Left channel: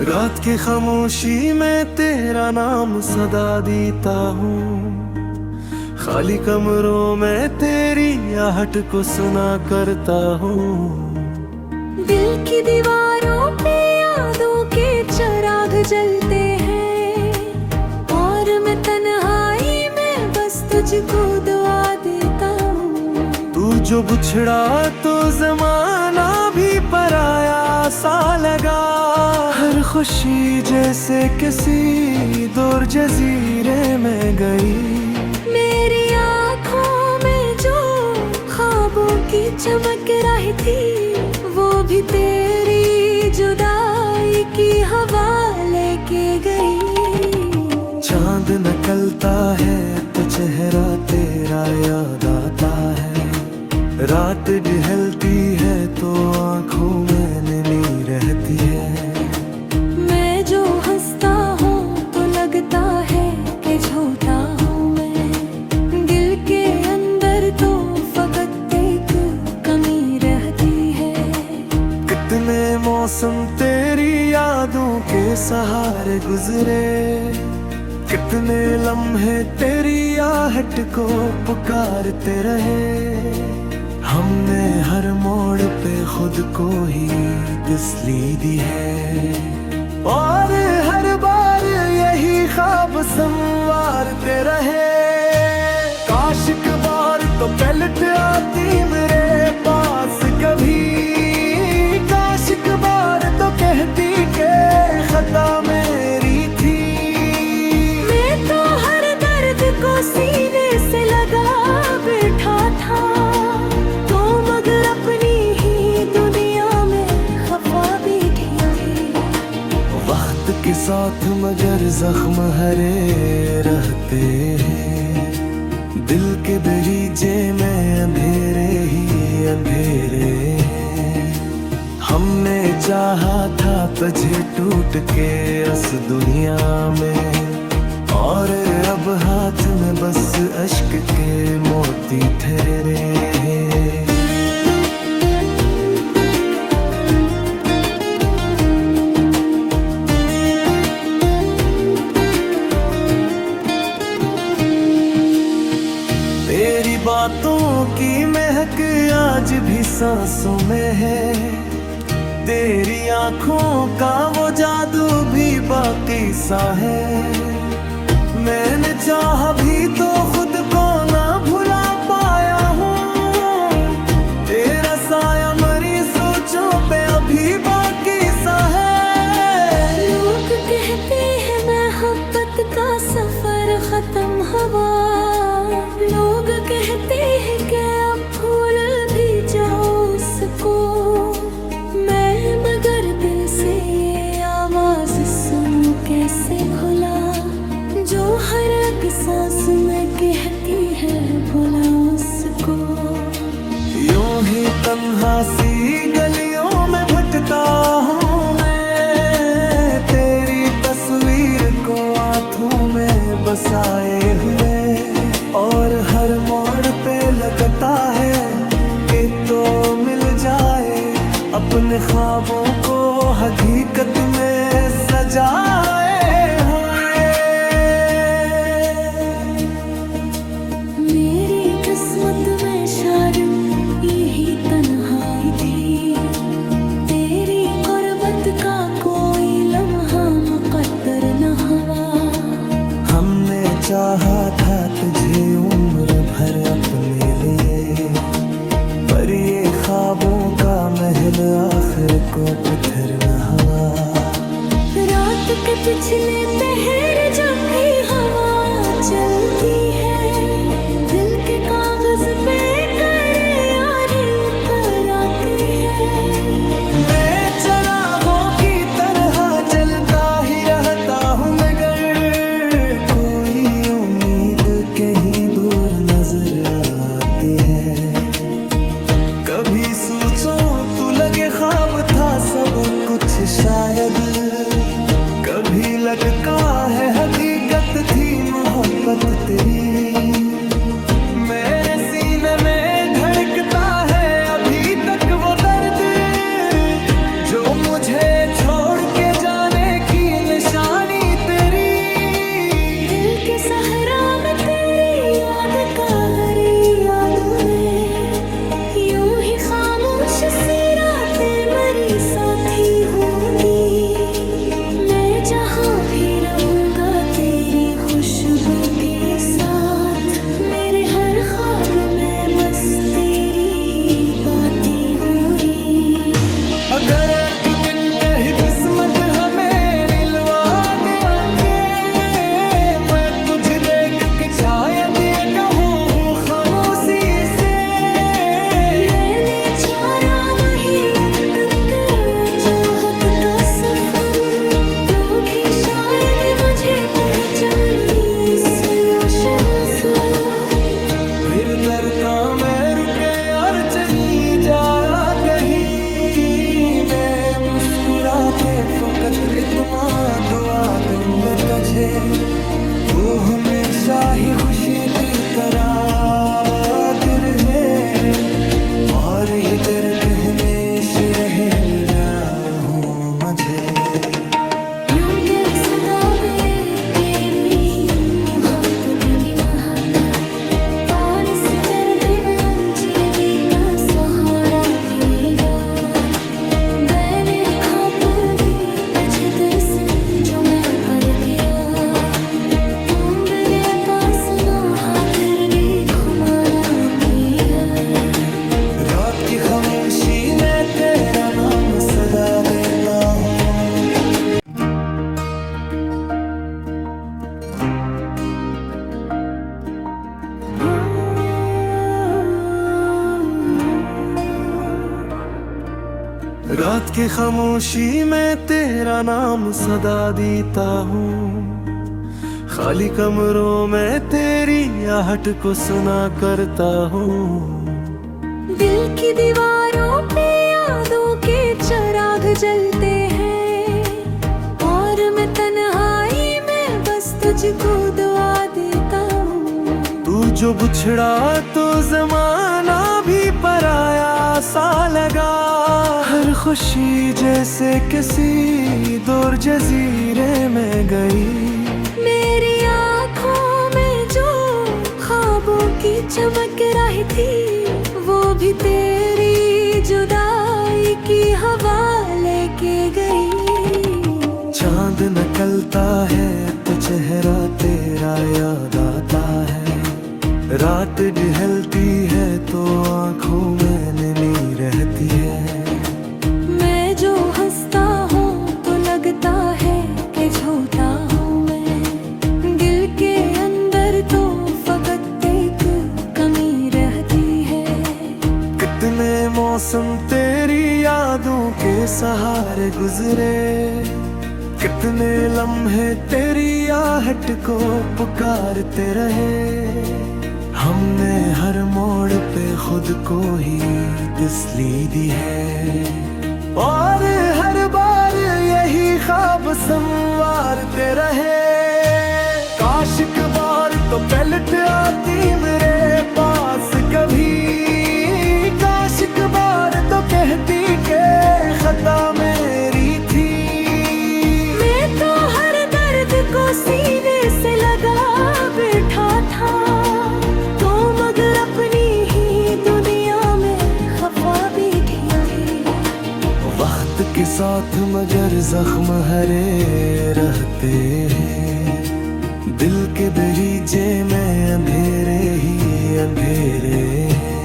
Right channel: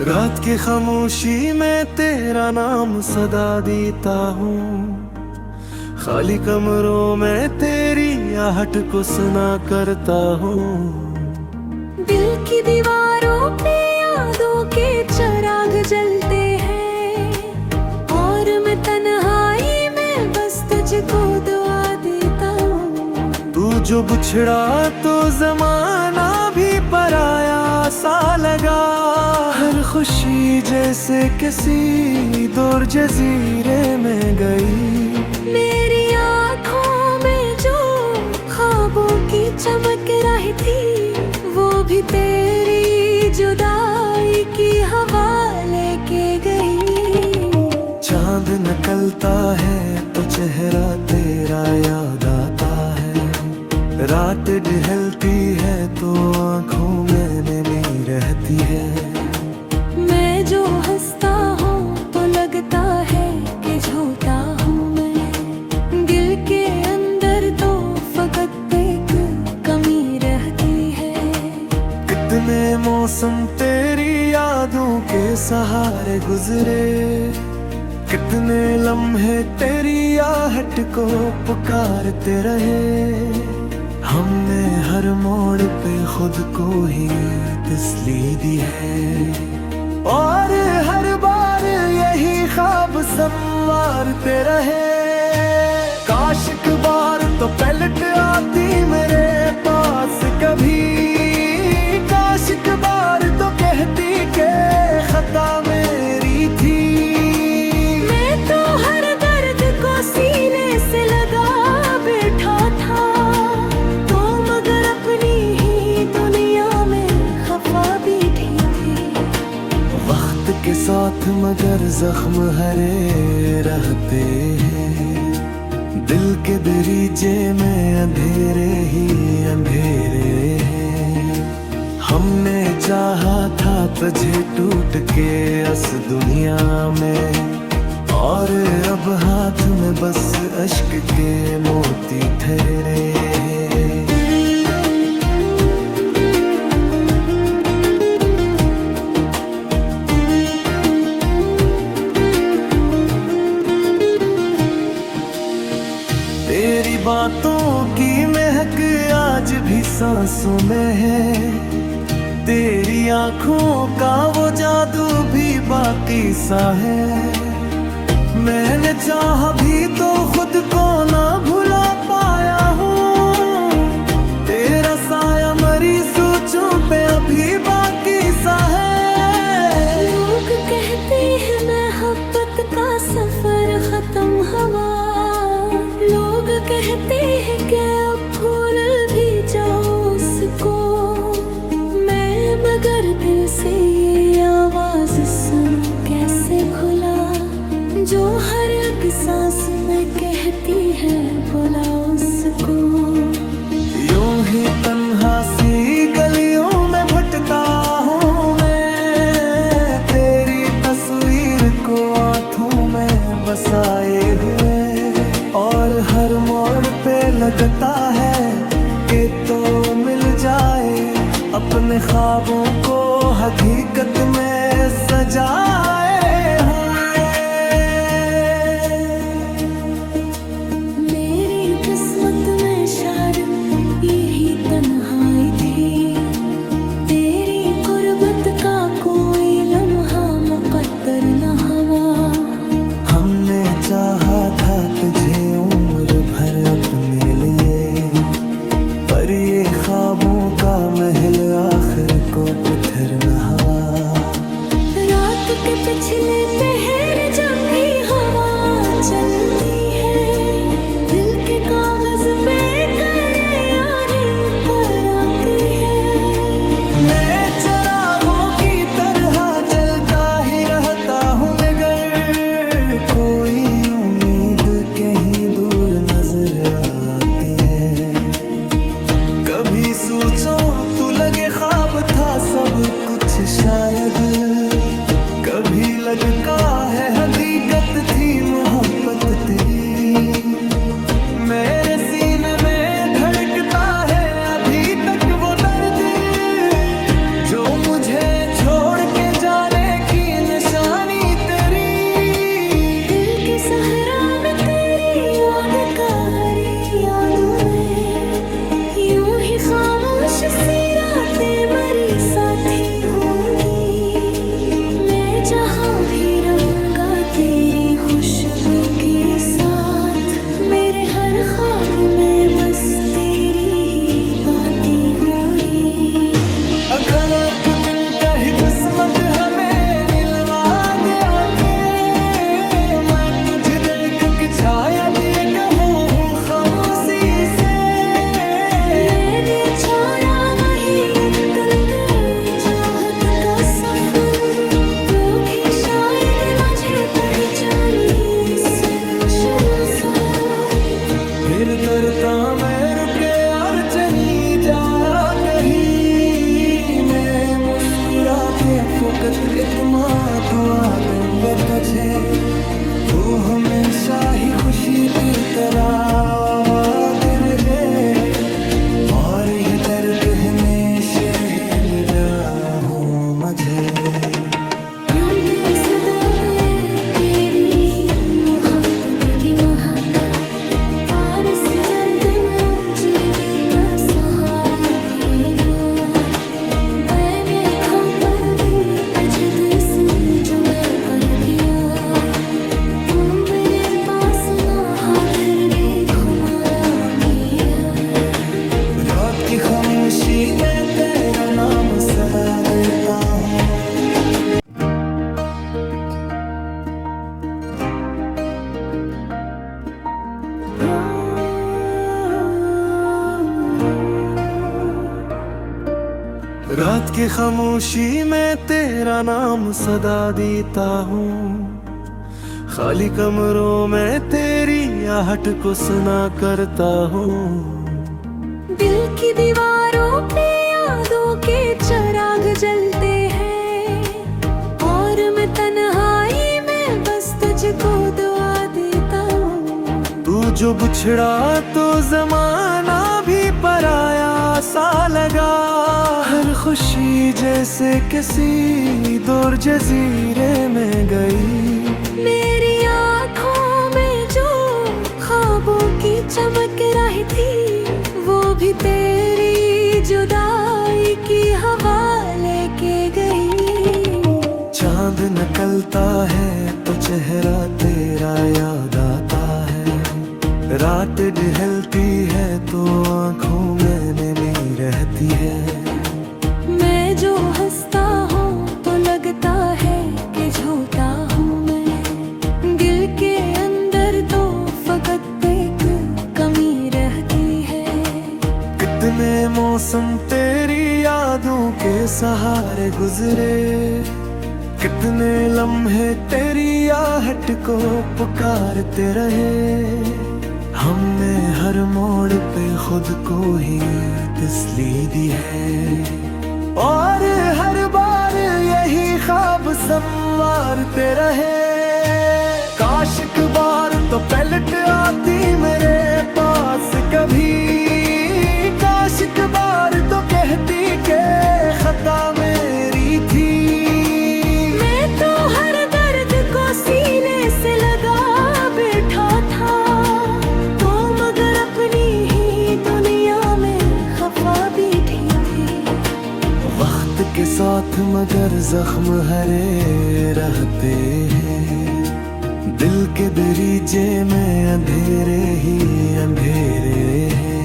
रात की खामोशी में तेरा नाम सदा देता हूँ, खाली कमरों में तेरी आहट को सुना करता हूँ। दिल की दीवारों पे यादों के चिराग जलते हैं, और मैं तन्हाई में बस तुझको दुआ देता हूँ। तू जो बिछड़ा तो जमाना भी पराया सा लगा, हर खुशी जैसे किसी दूर जजीरे में गई। मेरी आँखों में जो ख्वाबों की चमक रही थी, वो भी तेरी जुदाई की हवा लेके गई। चांद निकलता है तो चेहरा तेरा याद आता है, रात ढलती है तो आँखों में नमी रहती है। मैं जो हंसता हूँ तो लगता है कि झूठा हूँ मैं, दिल के अंदर तो फकत एक कमी रहती है। कितने मौसम तेरी यादों के सहारे गुजरे, कितने लम्हे तेरी आहट को पुकारते रहे। हमने हर मोड़ पे खुद को ही तसल्ली दी है, और हर बार यही ख्वाब संवारते रहे। काश एक बार तो पलट आती मेरे पास कभी, काश एक बार तो कहती के खता मेरी थी। मैं तो हर दर्द को सीने से लगा बैठा था, तो मगर अपनी ही दुनिया में खफा बैठी थी। वक्त के साथ मगर जख्म हरे रहते हैं, दिल के दरीजे में अंधेरे ही अंधेरे हैं। हमने चाहा था तुझे टूट के इस दुनिया में, और अब हाथ में बस अश्क के मोती ठहरे हैं। तेरी बातों की महक आज भी सांसों में है, तेरी आंखों का वो जादू भी बाकी सा है। मैंने चाहा भी तो खुद को ना भुला पाया हूँ, तेरा साया मरी सोचों पे अभी बाकी सा है। लोग कहते हैं मोहब्बत का सफर खत्म हुआ, लोग कहते हैं कि अब भूल भी जाओ उसको। मैं मगर दिल से ये आवाज सुनूं कैसे भुला, जो हर एक सांस में कहती है बुला उसको। यूं ही तन्हा सी गलियों में भटकता हूँ मैं, तेरी तस्वीर को आँखों में बसाए हुए, और हर मोड़ पे लगता है कि तो मिल जाए अपने ख्वाबों को हकीकत में सजाए हुए। मेरी किस्मत में शायद यही तन्हाई थी, तेरी गुर्बत का कोई लम्हा मुकद्दर न हुआ। हमने चाहा था तुझे उम्र भर अपने लिए, पर ये ख्वाबों का महल आखिर को पत्थर न हुआ। रात के पिछले पहर जब भी हवा चलती है, दिल के कागज पे करे पर आती है। मैं चरागों की तरह चलता ही रहता हूँ, मगर कोई उम्मीद कहीं दूर नजर आती है। कभी सोचो तू लगे ख्वाब था सब कुछ शायद, कभी लगता है हकीकत थी मोहब्बत तेरी। मेरे सीने में धड़कता है अभी तक वो दर्द, जो मुझे छोड़ के जाने की निशानी तेरी। दिल के सहरा में तेरी याद का हरी यादों में, यूं ही खामोश सी रातें मरी साथी होंगी। मैं जहाँ भी रहूँगा तेरी खुशबू के साथ, मेरे हर ख्वाब में बस तेरी ही बातें हो रही। अगर एक दिन कहीं किस्मत हमें मिलवा दे आके, मैं तुझे देख के शायद ये कहूँ खामोशी से। मैंने छोड़ा वही लटकन जोहत का सफर, लोग ही शायद मुझे पहचाने इस रोशनी से। फिर तरता मैं रुके और चली जाया कहीं, मैं मुस्कुराते फकत इतना दुआ दूंगा तुझे। तू हमेशा ही खुशी की तरह आबाद रहे, और ये दर्द हमेशा रहे मिला हूँ मुझे। यूं कैसे दावे तेरी ही मोहब्बत की महक, तार से डरते मैं जीवी का सहारा थी यार। मैंने खा पर भी तुझे दिल से जो मैं पर दिया, तुम मेरे पास ना हाथ भी खुमारा भी है। रात की खामोशी में तेरा नाम सदा देता हूँ। रात की खामोशी में तेरा नाम सदा देता हूँ, खाली कमरों में तेरी आहट को सुना करता हूँ। दिल की दीवारों पे यादों के चिराग जलते हैं, और मैं तन्हाई में बस तुझको दुआ देता हूँ। तू जो बिछड़ा तो जमाना भी पराया सा लगा, हर खुशी जैसे किसी दूर जजीरे में गई। मेरी आँखों में जो ख्वाबों की चमक रही थी, वो भी तेरी जुदाई की हवा लेके गई। चांद निकलता है तो चेहरा तेरा याद आता है, रात ढलती है तो आंखों में नमी रहती है। मैं जो हंसता हूँ तो लगता है कि झूठा हूँ मैं, दिल के अंदर तो फकत एक कमी रहती है। कितने मौसम तेरी यादों के सहारे गुजरे, कितने लम्हे तेरी आहट को पुकारते रहे। हमने हर मोड़ पे खुद को ही तसल्ली दी है, और हर बार यही ख्वाब संवारते रहे। काश एक बार तो पलट आती मेरे पास कभी, काश एक बार तो कहती के खता मेरी थी। मैं तो हर दर्द को सीने से लगा बैठा था, तो मगर अपनी ही दुनिया में खफा बैठी थी। वक्त के साथ मगर जख्म हरे रहते हैं, दिल के दरीजे में अंधेरे ही अंधेरे हैं।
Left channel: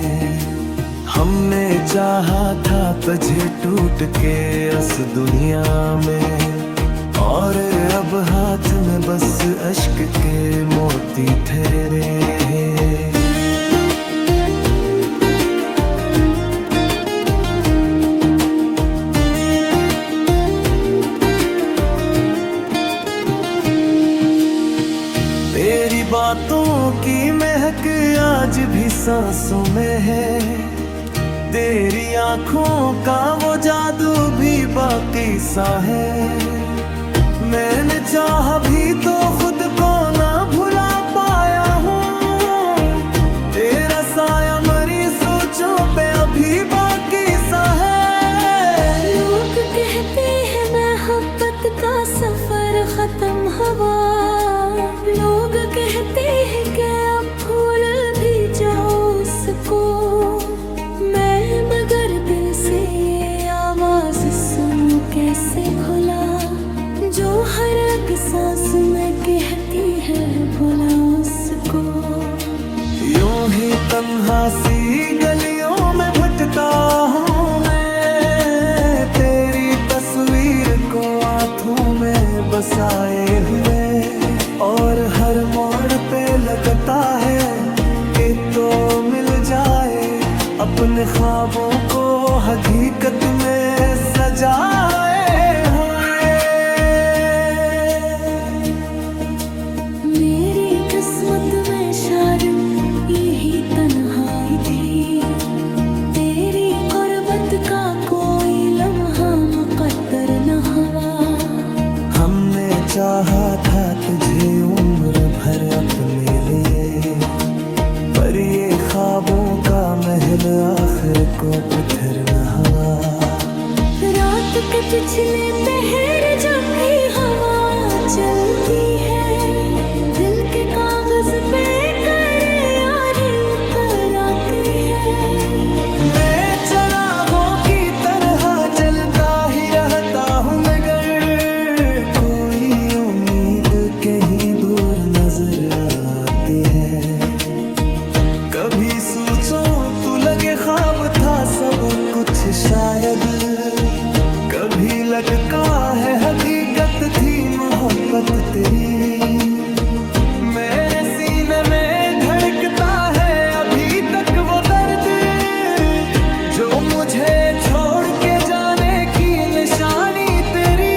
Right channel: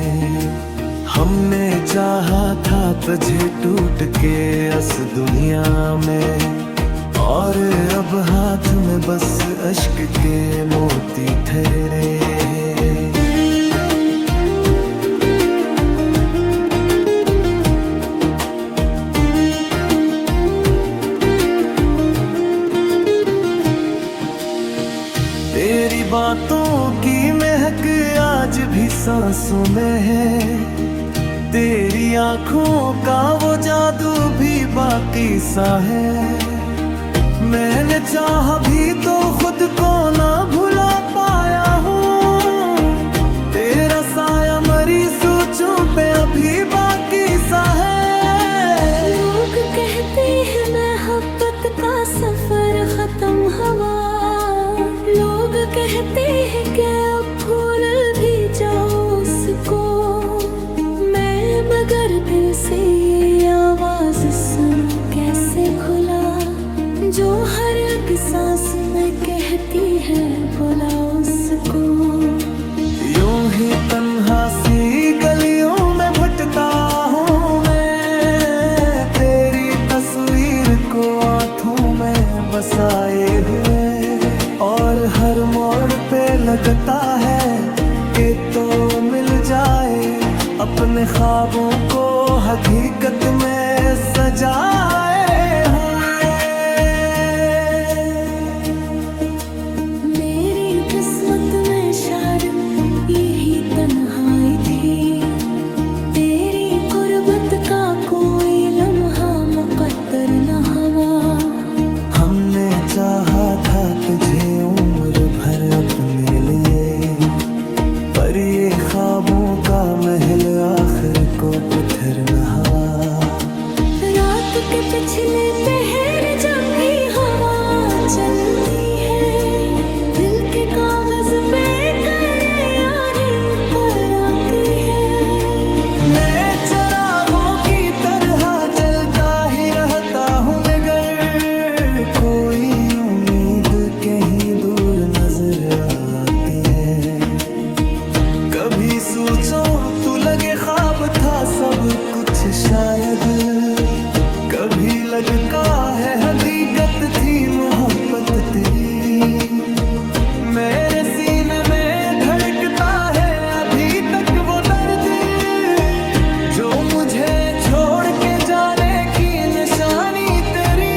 हमने चाहा था तुझे टूट के इस दुनिया में, और अब हाथ में बस अश्क के मोती ठहरे हैं। तेरी बातों की महक आज भी सांसों में है, तेरी आंखों का वो जादू भी बाकी सा है। मैंने चाहा भी तो खुद को ना भुला पाया हूँ, तेरा साया मरी सोचों पे अभी बाकी सा है। लोग कहती है मोहब्बत का सफर खत्म हुआ। लोग कहते हैं कि अब भूल भी जाओ उसको, मैं मगर दिल से ये आवाज सुनूं कैसे भुला, जो हर एक सांस में कहती है बुला उसको। यूं ही तन्हा सी गलियों में भटकता हूँ मैं, तेरी तस्वीर को आँखों में बसाए हुए, और हर मोड़ पे लगता है कि तो मिल जाए अपने ख्वाबों को हकीकत में सजाए हुए। मेरी किस्मत में शायद यही तन्हाई थी, तेरी गुर्बत का कोई लम्हा मुकद्दर न हुआ। हमने चाहा था तुझे उम्र भर अपने लिए, पर ये ख्वाबों का महल आखिर को पत्थर न हुआ। रात के पिछले पहर जब भी हवा चलती है, दिल के कागज पे करे और पर आती है। मैं चरागों की तरह चलता ही रहता हूँ, मगर कोई उम्मीद कहीं दूर नजर आती है। कभी सोचो तू लगे ख्वाब था सब कुछ शायद, कभी लगता है हकीकत थी मोहब्बत तेरी। मेरे सीने में धड़कता है अभी तक वो दर्द, जो मुझे छोड़ के जाने की निशानी तेरी।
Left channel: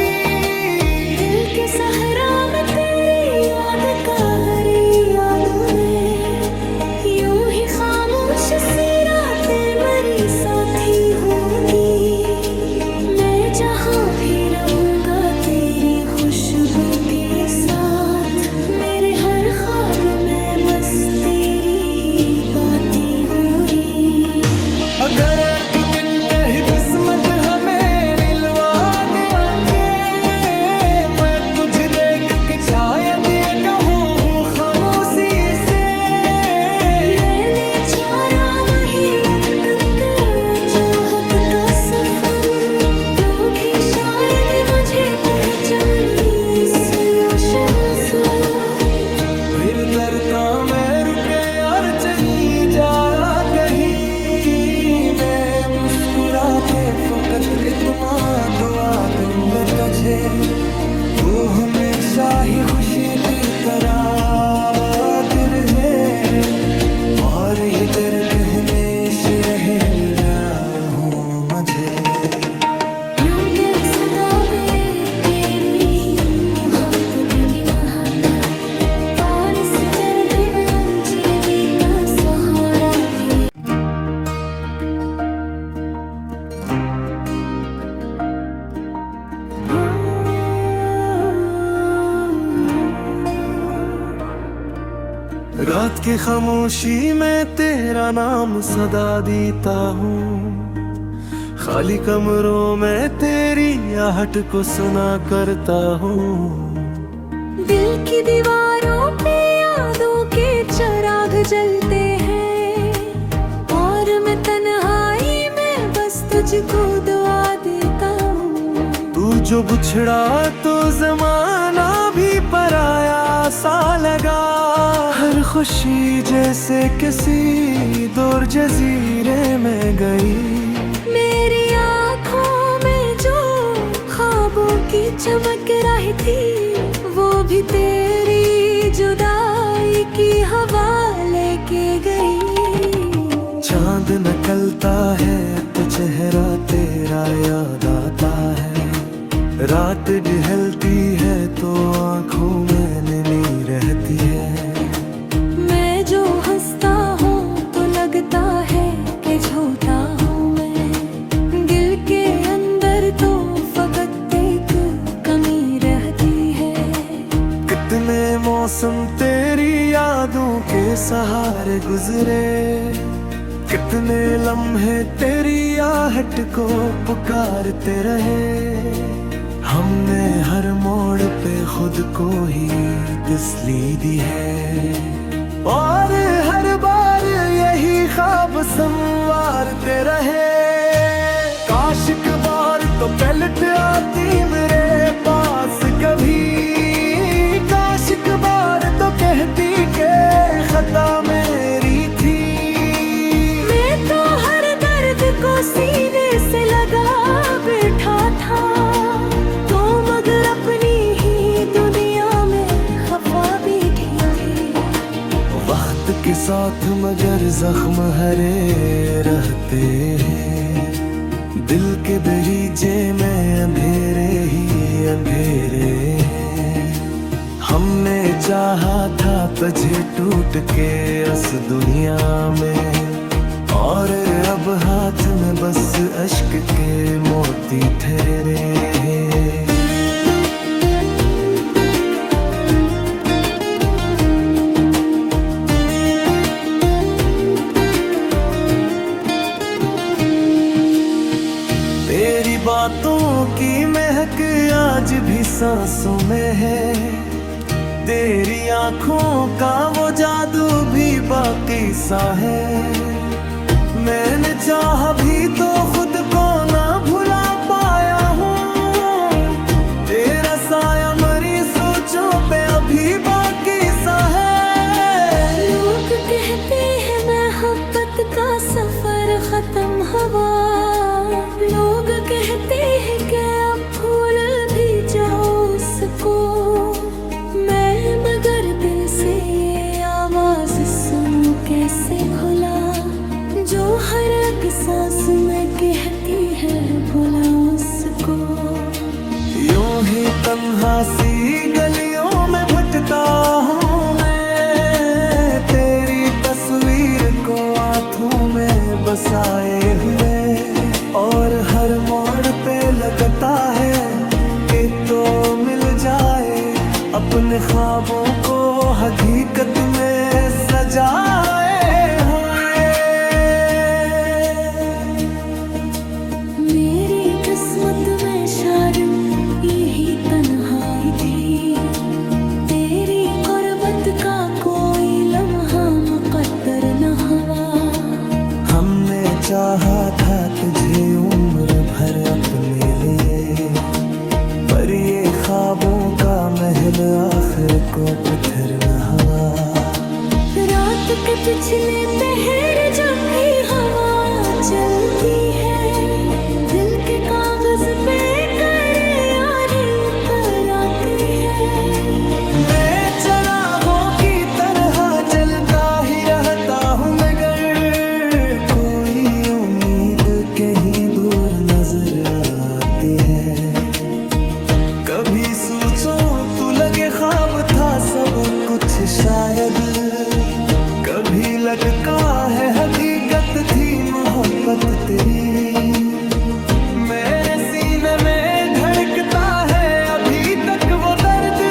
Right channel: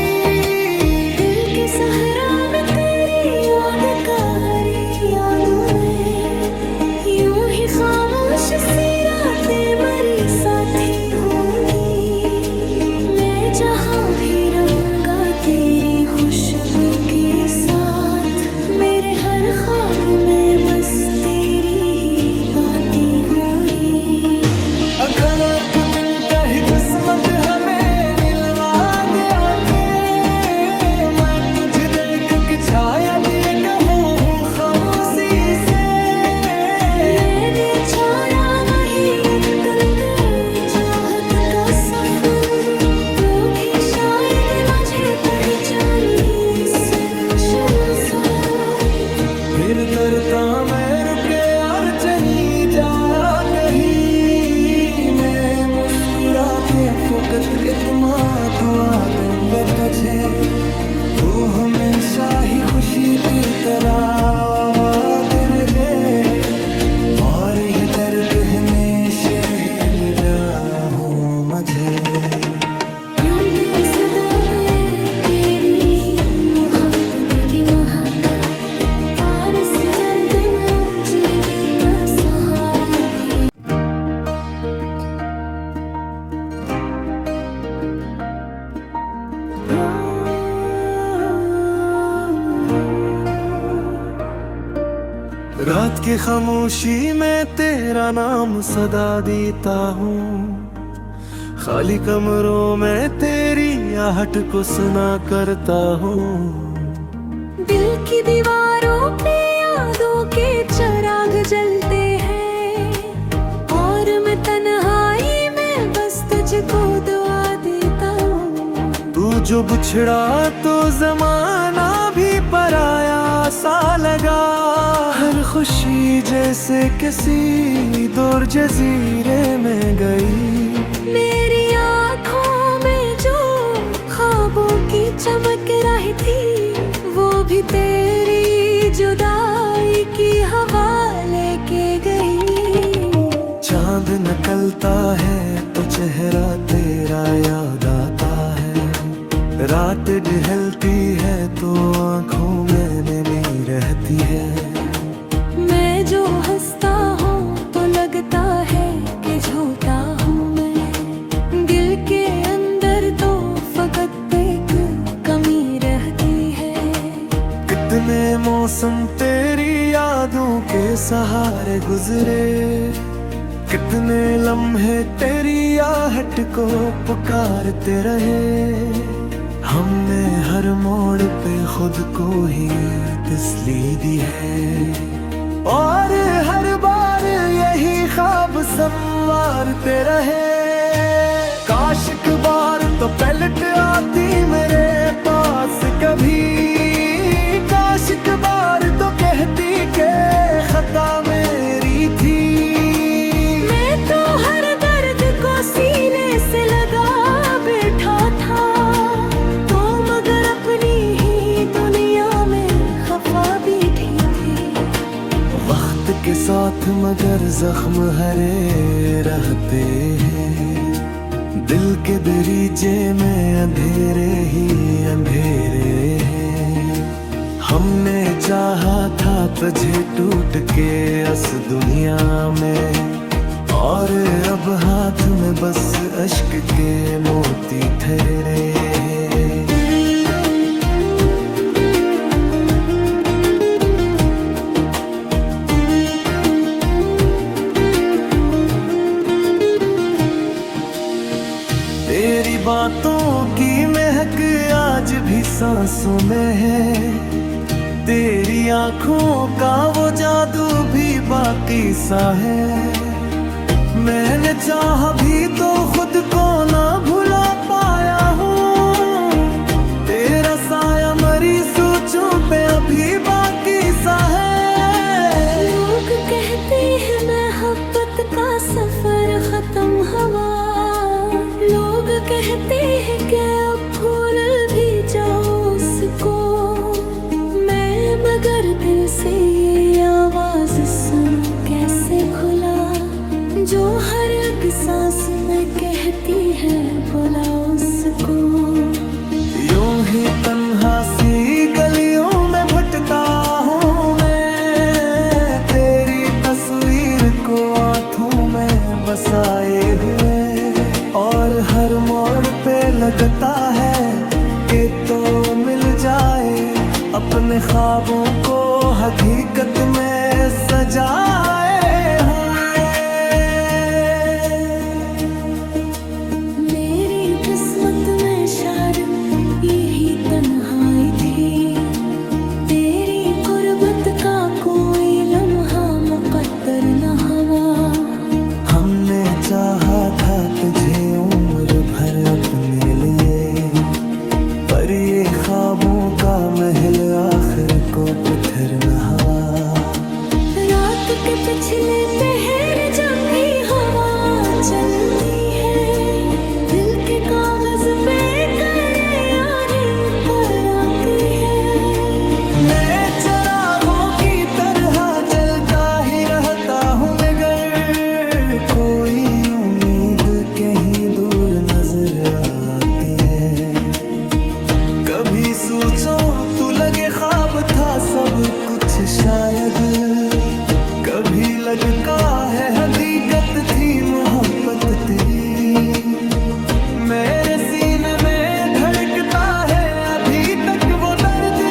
दिल के सहरा में तेरी याद का हरी यादों में, यूं ही खामोश सी रातें मरी साथी होंगी। मैं जहाँ भी रहूँगा तेरी खुशबू के साथ, मेरे हर ख्वाब में बस तेरी ही बातें हो रही। अगर एक दिन कहीं किस्मत हमें मिलवा दे आके, मैं तुझे देख के शायद ये कहूँ खामोशी से, मैंने छोड़ा वही लटकंदर जोहत का सफर, लोग ही शायद मुझे पहचाने इस रोशनी से। फिर तरता मैं रुके और चली जाया कहीं, मैं मुस्कुराते फकत इतना दुआ दूंगा तुझे, वो हमेशा ही खुशी की तरह आबाद रहे, और ये दर्द हमेशा रहे मिला हूँ मुझे। यूं के सदाबे तेरी ही मोहब्बत की महक, पार से डरते मैं जीवी का सहारा थी। रात की खामोशी में तेरा नाम सदा देता हूँ, खाली कमरों में तेरी आहट को सुना करता हूँ। दिल की दीवारों पे यादों के चिराग जलते हैं, और मैं तन्हाई में बस तुझको दुआ देता हूँ। तू जो बिछड़ा तो जमाना भी पराया सा लगा, हर खुशी जैसे किसी दूर जजीरे में गई। मेरी आँखों में जो ख्वाबों की चमक रही थी, वो भी तेरी जुदाई की हवा लेके गई। चांद निकलता है तो चेहरा तेरा याद आता है, रात ढलती है तो आँखों में नमी रहती है। मैं जो हंसता हूँ तो लगता है कि झूठा हूँ मैं, दिल के अंदर तो फकत एक कमी रहती है। कितने मौसम तेरी यादों के सहारे गुजरे, कितने लम्हे तेरी आहट को पुकारते रहे, हमने हर मोड़ पे खुद को ही तसल्ली दी है, और हर बार यही ख्वाब संवारते रहे। काश एक बार तो पलट आती मेरे पास कभी, काश एक बार तो कहती के खता मेरी थी। मैं तो हर दर्द को सीने से लगा बैठा था, तो मगर अपनी ही दुनिया में खफा बैठी थी। वक्त के साथ मगर जख्म हरे रहते हैं, दिल के दरीजे में अंधेरे ही अंधेरे हैं। हमने चाहा था तुझे टूट के इस दुनिया में, और अब हाथ में बस अश्क के मोती ठहरे हैं। तेरी बातों की महक आज भी सांसों में है, तेरी आंखों का वो जादू भी बाकी सा है। मैंने चाहा भी तो खुद को ना भुला पाया हूँ, तेरा साया मरी सोचों पे अभी बाकी सा है। लोग कहते हैं मोहब्बत का सफर खत्म हुआ, लोग कहते हैं कि अब भूल भी जाओ उसको। मैं मगर दिल से ये आवाज सुनूं कैसे भुला, जो हर एक सांस में कहती है बुला उसको। यूं ही तन्हा सी गलियों में भटकता हूँ मैं, तेरी तस्वीर को आँखों में बसाए हुए, और हर मोड़ पे लगता है कि तो मिल जाए अपने ख्वाबों को हकीकत में सजाए हुए। मेरी किस्मत में शायद यही तन्हाई थी, तेरी गुर्बत का कोई लम्हा मुकद्दर न हुआ। हमने चाहा था तुझे उम्र भर अपने लिए, पर ये ख्वाबों का महल आखिर को पत्थर न हुआ। रात के पिछले पहर जब भी हवा चलती है, दिल के कागज पे करे और पर आती है। मैं चरागों की तरह चलता ही रहता हूँ, मगर कोई उम्मीद कहीं दूर नजर आती है। कभी सोचो तू लगे ख्वाब था सब कुछ शायद, कभी लगता है हकीकत थी मोहब्बत तेरी। मेरे सीने में धड़कता है अभी तक वो दर्द,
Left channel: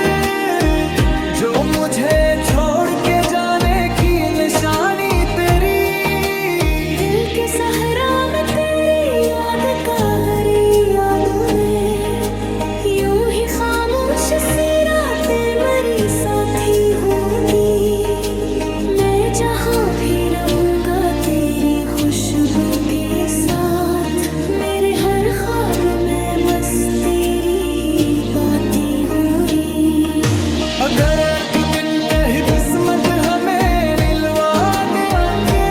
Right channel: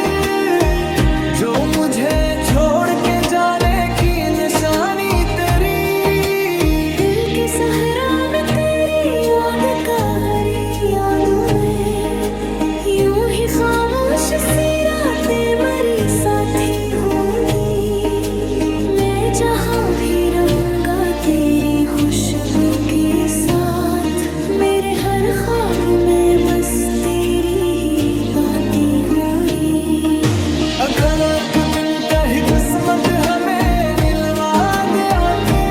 जो मुझे छोड़ के जाने की निशानी तेरी। दिल के सहरा में तेरी याद का हरी यादों में, यूं ही खामोश सी रातें मरी साथी होंगी। मैं जहाँ भी रहूँगा तेरी खुशबू के साथ, मेरे हर ख्वाब में बस तेरी ही बातें हो रही। अगर एक दिन कहीं किस्मत हमें मिलवा दे आके,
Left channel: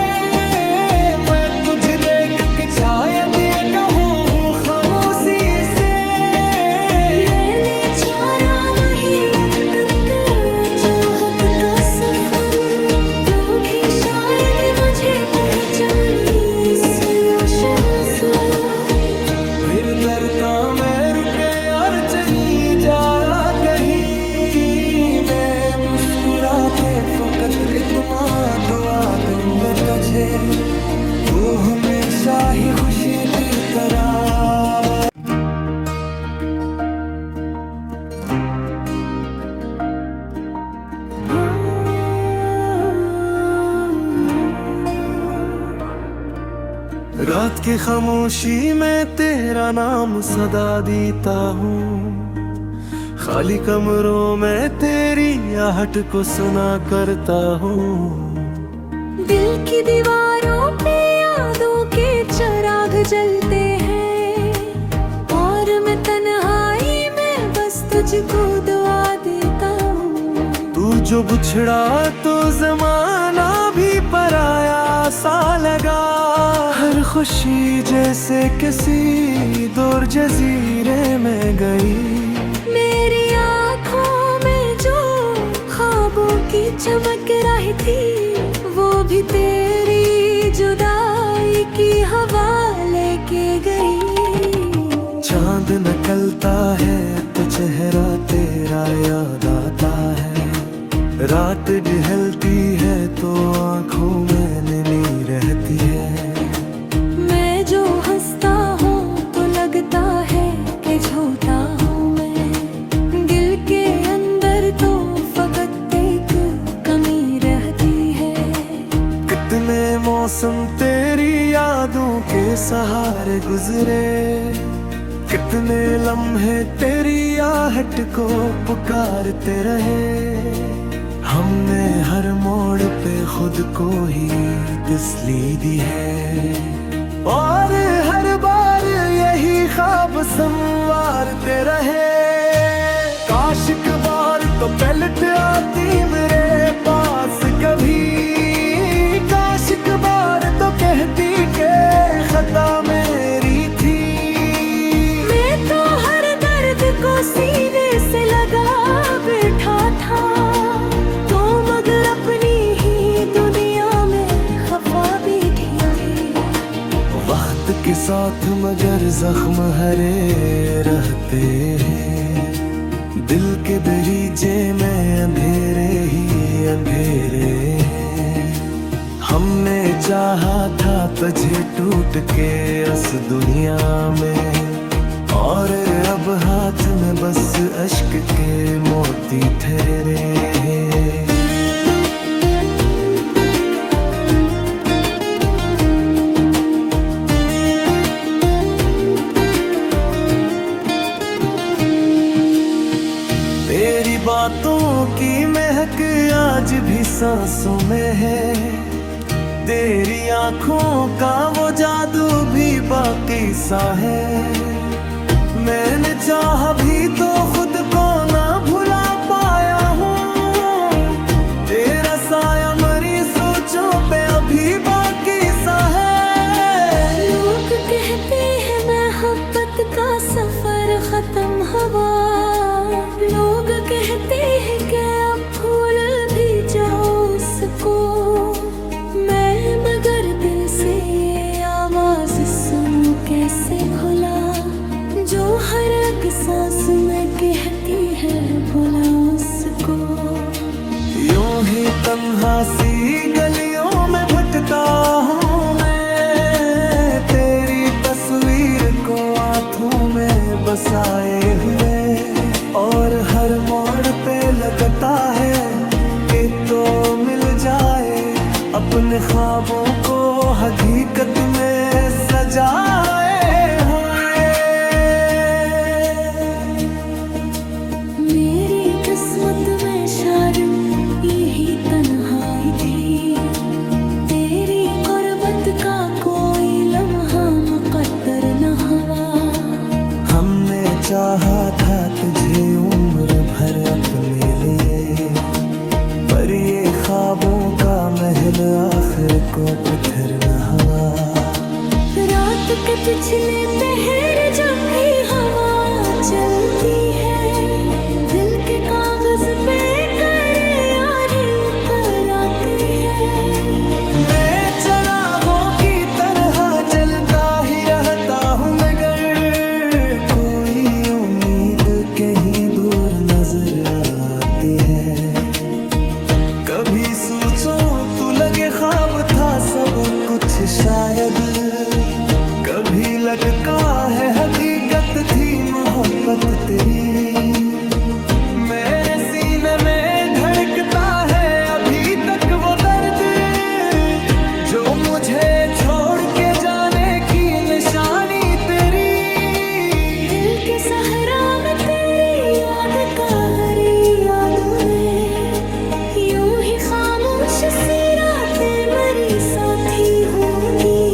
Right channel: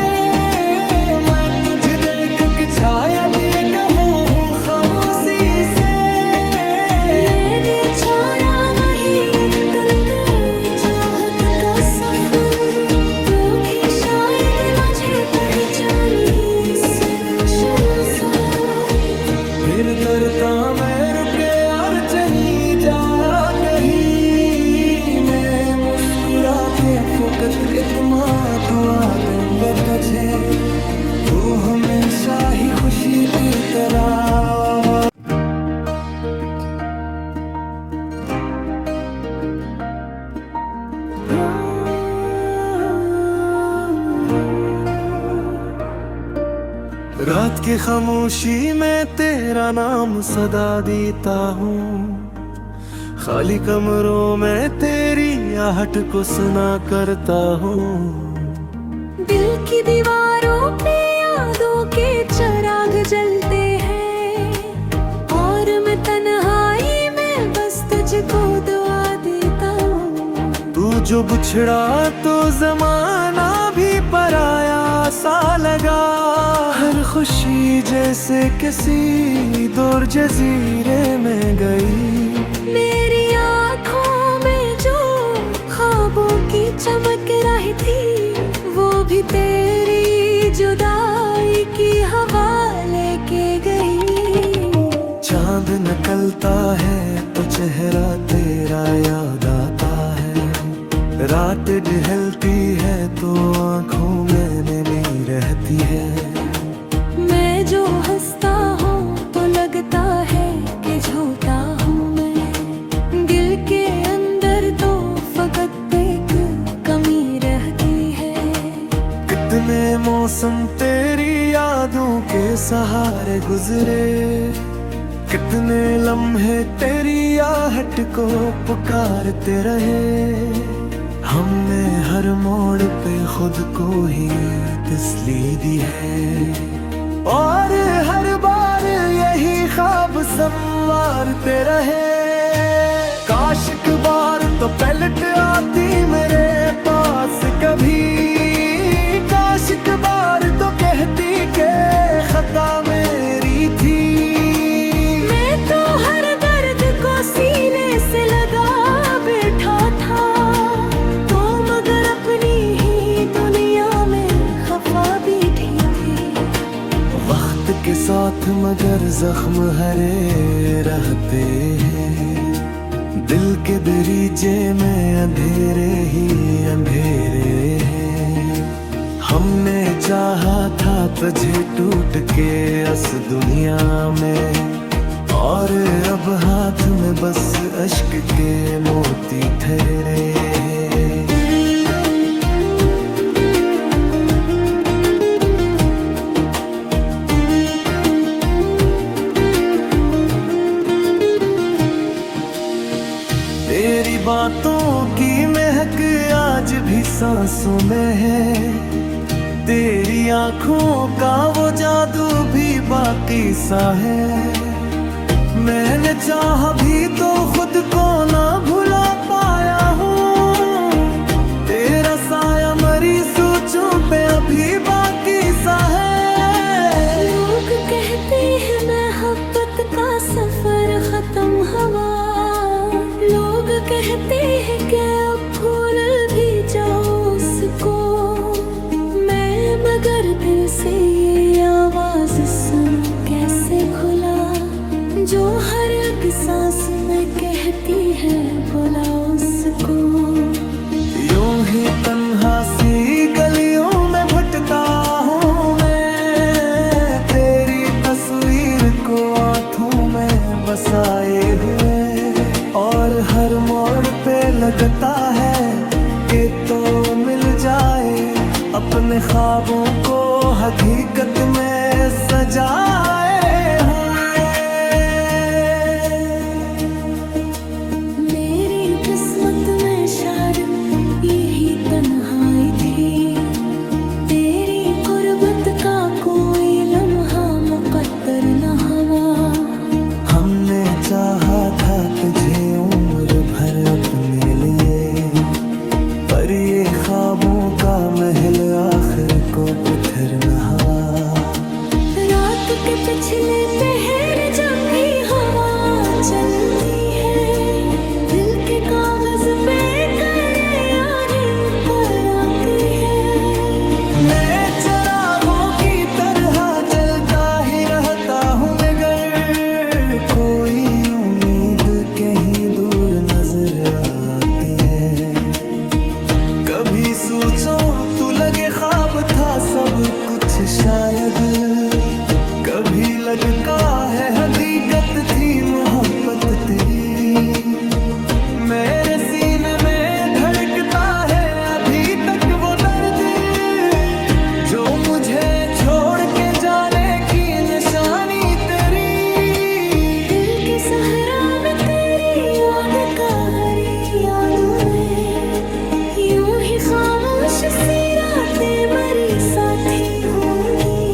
मैं तुझे देख के शायद ये कहूँ खामोशी से। मैंने छोड़ा वही जोहत का सफर, लोग ही शायद मुझे पहचाने इस रोशनी से। फिर तरता मैं रुके और चली जाया कहीं, मैं मुस्कुराते फकत इतना दुआ दूंगा तुझे, वो हमेशा ही खुशी की तरह। रात की खामोशी में तेरा नाम सदा देता हूँ, खाली कमरों में तेरी आहट को सुना करता हूँ। दिल की दीवारों पे यादों के चिराग जलते हैं, और मैं तन्हाई में बस तुझको दुआ देता हूँ। तू जो बिछड़ा तो जमाना भी पराया सा लगा, हर खुशी जैसे किसी दूर जजीरे में गई। मेरी आँखों में जो ख्वाबों की चमक रही थी, वो भी तेरी जुदाई की हवा लेके गई। चांद निकलता है तो चेहरा तेरा याद आता है, रात ढलती है तो आंखों में नमी रहती है। मैं जो हंसता हूँ तो लगता है कि झूठा हूँ मैं, दिल के अंदर तो फकत एक कमी रहती है। कितने मौसम तेरी यादों के सहारे गुजरे, कितने लम्हे तेरी आहट को पुकारते रहे। हमने हर मोड़ पे खुद को ही तसल्ली दी है, और हर बार यही ख्वाब संवारते रहे। काश एक बार तो पलट आती मेरे पास कभी, काश एक बार तो कहती के खता मेरी थी। मैं तो हर दर्द को सीने से लगा बैठा था, तो मगर अपनी ही दुनिया में खफा बैठी थी। वक्त के साथ मगर जख्म हरे रहते हैं, दिल के दरीजे में अंधेरे ही अंधेरे हैं। हमने चाहा था तुझे टूट के इस दुनिया में, और अब हाथ में बस अश्क के मोती ठहरे हैं। तेरी बातों की महक आज भी सांसों में है, तेरी आंखों का वो जादू भी बाकी सा है। मैंने चाहा भी तो खुद को ना भुला पाया हूँ, तेरा साया मरी सोचों पे अभी बाकी सा है। लोग कहते हैं मोहब्बत का सफर खत्म हुआ, लोग कहते हैं कि अब भूल भी जाओ उसको। मैं मगर दिल से ये आवाज सुनूं कैसे भुला, जो हर एक सांस में कहती है बुला उसको। यूं ही तन्हा सी गलियों में भटकता हूँ मैं, तेरी तस्वीर को आंखों में बसाए हुए, और हर मोड़ पे लगता है कि तो मिल जाए अपने ख्वाबों को हकीकत में सजाए हुए। मेरी किस्मत में शायद यही तन्हाई थी, तेरी गुर्बत का कोई लम्हा मुकद्दर न हुआ। हमने चाहा था तुझे उम्र भर अपने लिए, पर ये ख्वाबों का महल आखिर को पत्थर न हुआ। रात के पिछले पहर जब भी हवा चलती है, दिल के कागज पे करे यार पर आती है। मैं चरागों की तरह चलता ही रहता हूँ, मगर कोई उम्मीद कहीं दूर नजर आती है। कभी सोचो तू लगे ख्वाब था सब कुछ शायद, कभी लगता है हकीकत थी मोहब्बत तेरी। मेरे सीने में धड़कता है अभी तक वो दर्द, जो मुझे छोड़ के जाने की निशानी तेरी। दिल के सहरा में तेरी याद का हरी यादों में यूं ही खामोश सी रातें मरी साथी होंगी।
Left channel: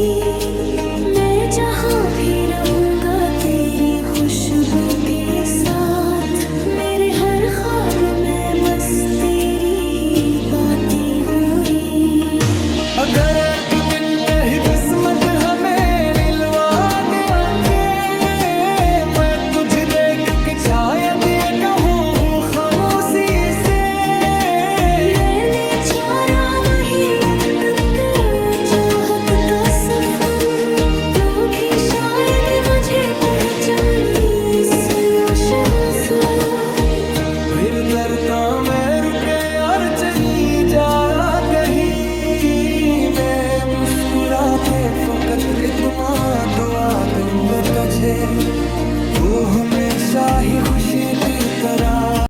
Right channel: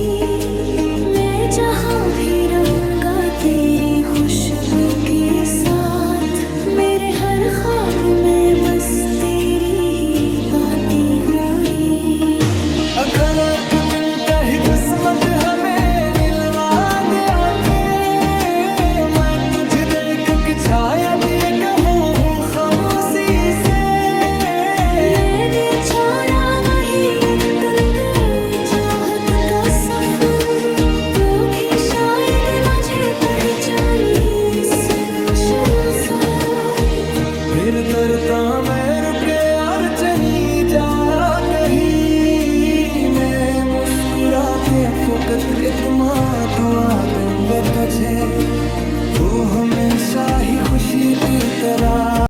मैं जहाँ भी रहूंगा तेरी खुशबू के साथ, मेरे हर ख्वाब में बस तेरी ही बातें हो रही। अगर एक दिन कहीं किस्मत हमें मिलवा दे आके, मैं तुझे देख के शायद ये कहूँ खामोशी से, मैंने छोड़ा वही लटकन जोहत का सफर। लोग ही शायद मुझे पहचाने इस रोशनी से। फिर तरता मैं रुके और चली जाया कहीं, मैं मुस्कुराते फकत इतना दुआ दूंगा तुझे, तू हमेशा ही खुशी की तरह।